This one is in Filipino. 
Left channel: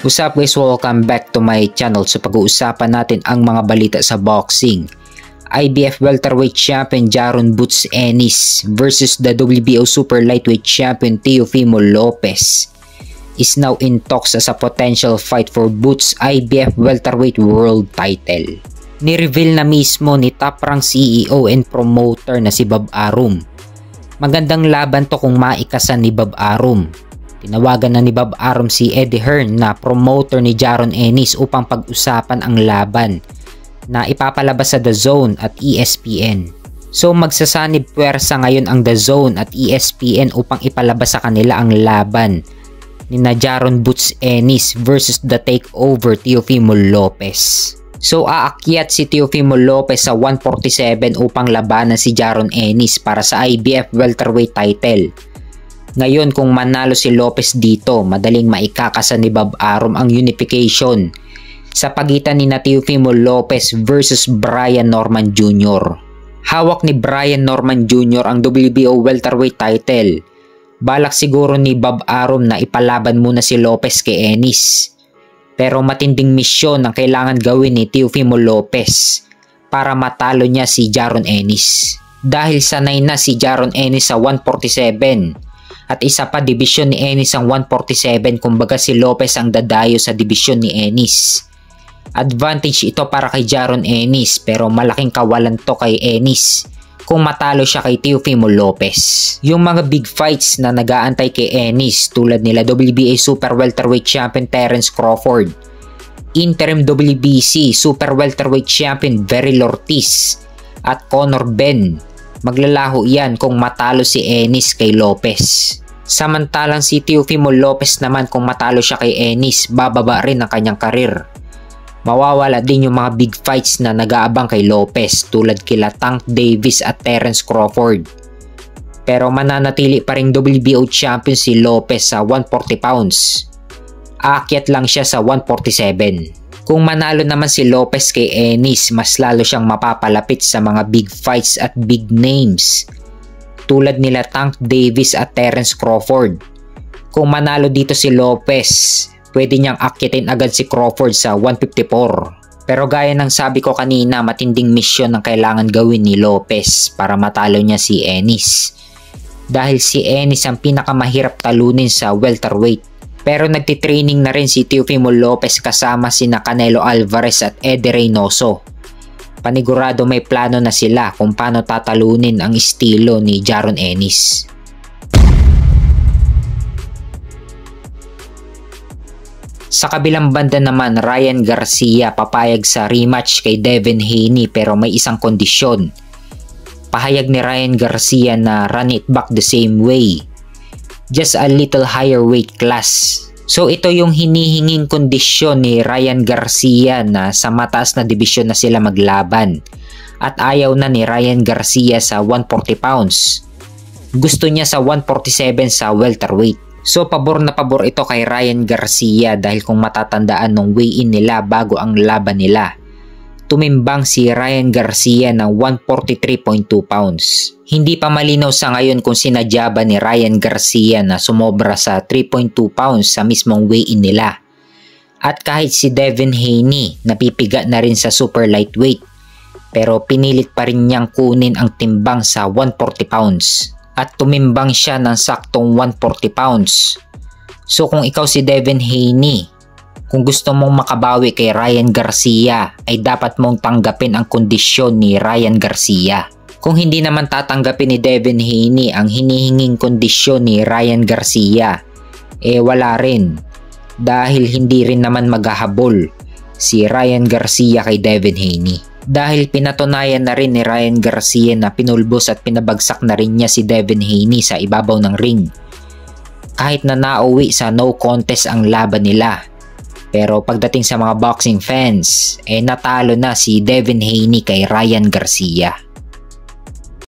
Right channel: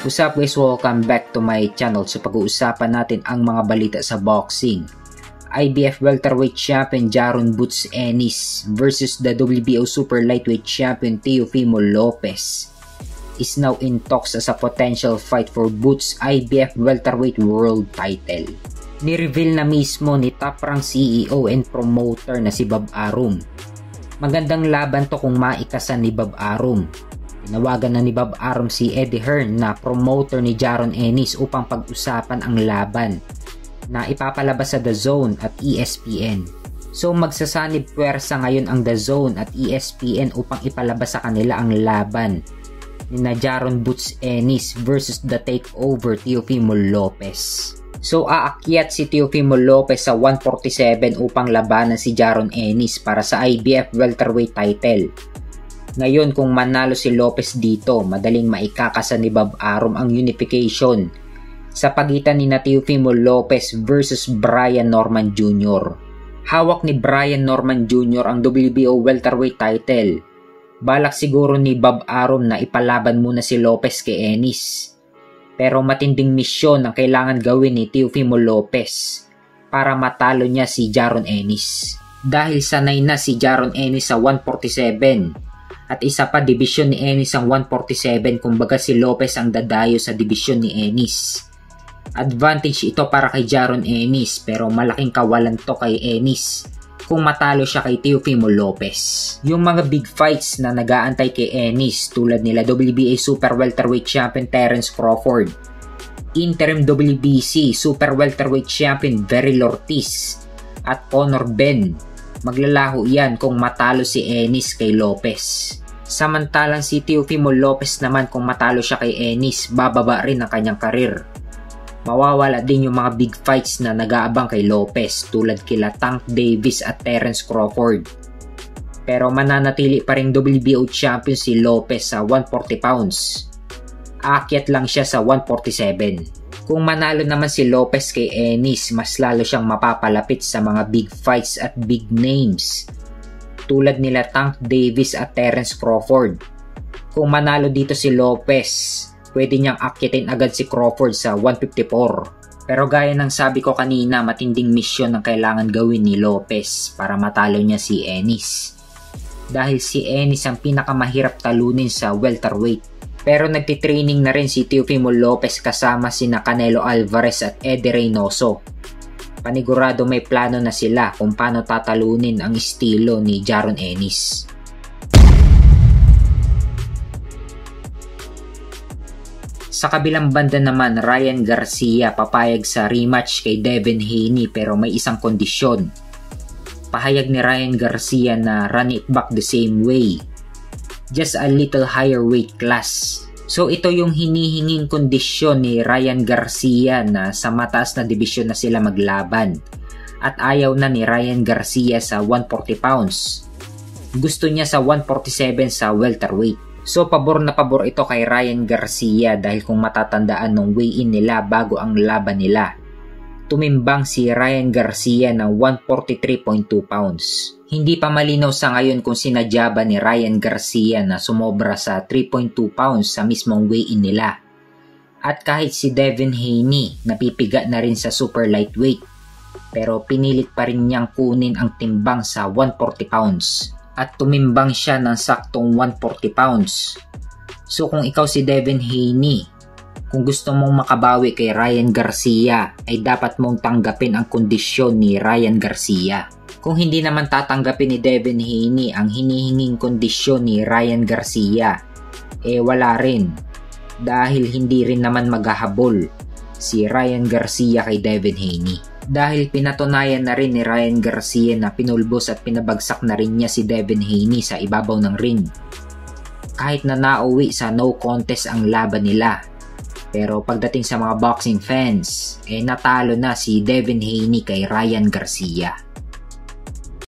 What's up guys, welcome back to my channel. So pag-uusapan natin ang mga balita sa boxing. IBF welterweight champion Jaron Boots Ennis versus the WBO super lightweight champion Teofimo Lopez is now in talks as a potential fight for Boots' IBF welterweight world title. Ni-reveal na mismo ni top rank CEO and promoter na si Bob Arum. Magandang laban to kung maikasan ni Bob Arum. Tinawagan na ni Bob Arum si Eddie Hearn na promoter ni Jaron Ennis upang pag-usapan ang laban na ipapalabas sa The Zone at ESPN. So magsasanib puwersa ngayon ang The Zone at ESPN upang ipalabas sa kanila ang laban ni na Jaron Boots Ennis versus the takeover Teofimo Lopez. So aakyat si Teofimo Lopez sa 147 upang labanan si Jaron Ennis para sa IBF welterweight title. Ngayon kung manalo si Lopez dito, madaling maikakasa ni Bob Arum ang unification sa pagitan ni Teofimo Lopez versus Brian Norman Jr. Hawak ni Brian Norman Jr. ang WBO welterweight title. Balak siguro ni Bob Arum na ipalaban muna si Lopez kay Ennis. Pero matinding misyon ang kailangan gawin ni Teofimo Lopez para matalo niya si Jaron Ennis. Dahil sanay na si Jaron Ennis sa 147. At isa pa, dibisyon ni Ennis ang 147, kumbaga si Lopez ang dadayo sa dibisyon ni Ennis. Advantage ito para kay Jaron Ennis pero malaking kawalan to kay Ennis kung matalo siya kay Teofimo Lopez. Yung mga big fights na nag-aantay kay Ennis tulad nila WBA super welterweight champion Terence Crawford, interim WBC super welterweight champion Veril Ortiz at Conor Benn, maglalaho yan kung matalo si Ennis kay Lopez. Samantalang si Teofimo Lopez naman kung matalo siya kay Ennis, bababa rin ang kanyang karir. Mawawala din yung mga big fights na nag-aabang kay Lopez tulad kila Tank Davis at Terence Crawford. Pero mananatili pa ring WBO champion si Lopez sa 140 pounds. Aakyat lang siya sa 147. Kung manalo naman si Lopez kay Ennis, mas lalo siyang mapapalapit sa mga big fights at big names tulad nila Tank Davis at Terence Crawford. Kung manalo dito si Lopez, pwede niyang akyatin agad si Crawford sa 154. Pero gaya ng sabi ko kanina, matinding misyon ang kailangan gawin ni Lopez para matalo niya si Ennis. Dahil si Ennis ang pinakamahirap talunin sa welterweight. Pero nagtitraining na rin si Teofimo Lopez kasama sina Canelo Alvarez at Eddie Reynoso. Panigurado may plano na sila kung paano tatalunin ang estilo ni Jaron Ennis. Sa kabilang banda naman, Ryan Garcia papayag sa rematch kay Devin Haney pero may isang kondisyon. Pahayag ni Ryan Garcia na run it back the same way, just a little higher weight class. So ito yung hinihinging kondisyon ni Ryan Garcia na sa mataas na dibisyon na sila maglaban. At ayaw na ni Ryan Garcia sa 140 pounds. Gusto niya sa 147 sa welterweight. So pabor na pabor ito kay Ryan Garcia dahil kung matatandaan nung weigh-in nila bago ang laban nila, tumimbang si Ryan Garcia ng 143.2 pounds. Hindi pa malinaw sa ngayon kung sinadya ba ni Ryan Garcia na sumobra sa 3.2 pounds sa mismong weigh-in nila. At kahit si Devin Haney napipiga na rin sa super lightweight, pero pinilit pa rin niyang kunin ang timbang sa 140 pounds. At tumimbang siya ng saktong 140 pounds. So kung ikaw si Devin Haney, kung gusto mong makabawi kay Ryan Garcia, ay dapat mong tanggapin ang kondisyon ni Ryan Garcia. Kung hindi naman tatanggapin ni Devin Haney ang hinihinging kondisyon ni Ryan Garcia, wala rin. Dahil hindi rin naman maghahabol si Ryan Garcia kay Devin Haney. Dahil pinatunayan na rin ni Ryan Garcia na pinulbos at pinabagsak na rin niya si Devin Haney sa ibabaw ng ring. Kahit na nauwi sa no contest ang laban nila. Pero pagdating sa mga boxing fans, natalo na si Devin Haney kay Ryan Garcia.